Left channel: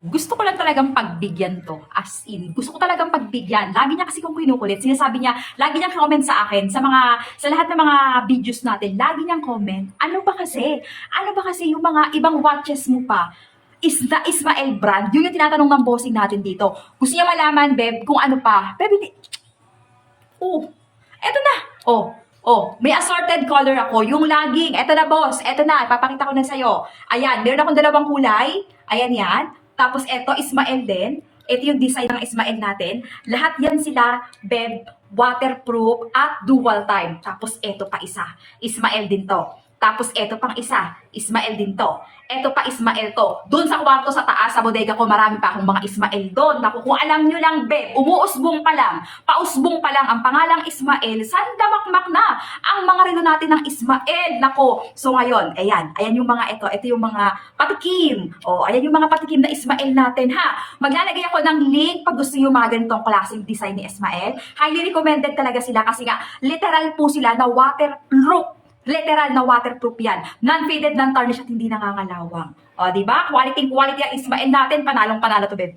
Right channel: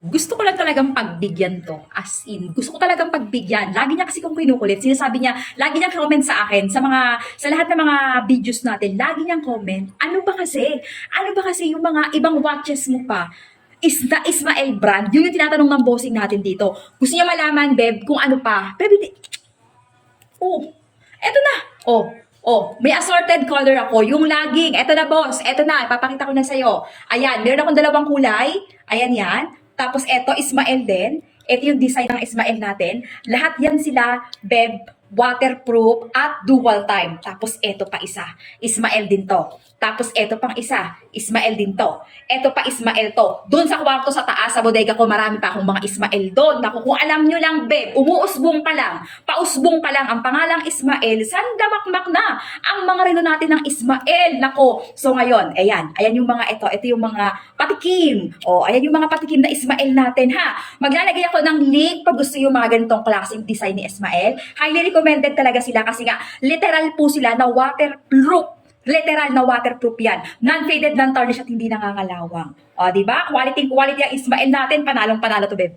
Gusto ko lang talagang pagbigyan 'to, as in, gusto ko talagang pagbigyan. Lagi niya kasi kung kinukulit, sinasabi niya, lagi niyang comment sa akin, sa lahat ng mga videos natin, lagi niyang comment, ano ba kasi yung mga ibang watches mo pa, is na Ismael brand? Yun yung tinatanong ng bossing natin dito. Gusto niya malaman, Beb, kung ano pa. Beb, hindi, oh, eto na. May assorted color ako. Yung laging, eto na boss, eto na, papakita ko na sa'yo. Ayan, meron akong dalawang kulay. Ayan yan. Tapos eto, Ismael din. Ito yung design ng Ismael natin. Lahat yan sila, Beb, waterproof at dual time. Tapos eto pa isa, Ismael din to. Tapos eto pang isa, Ismael din to. Eto pa Ismael to. Doon sa kwarto sa taas, sa bodega ko, marami pa akong mga Ismael doon. Naku, kung alam nyo lang, Beb, umuusbong pa lang, pausbong pa lang ang pangalang Ismael, sandamakmak na ang mga relo natin ng Ismael. Nako, so ngayon, ayan yung mga ito yung mga patikim. Ayan yung mga patikim na Ismael natin ha. Maglalagay ako ng link pag gusto yung mga ganitong klaseng design ni Ismael. Highly recommended talaga sila kasi nga literal po sila na waterproof. Literal na waterproof yan. Non-faded, non-tarnish at hindi nangangalawang. O, di ba? Quality ang Ismael natin. Panalong panalo to, babe.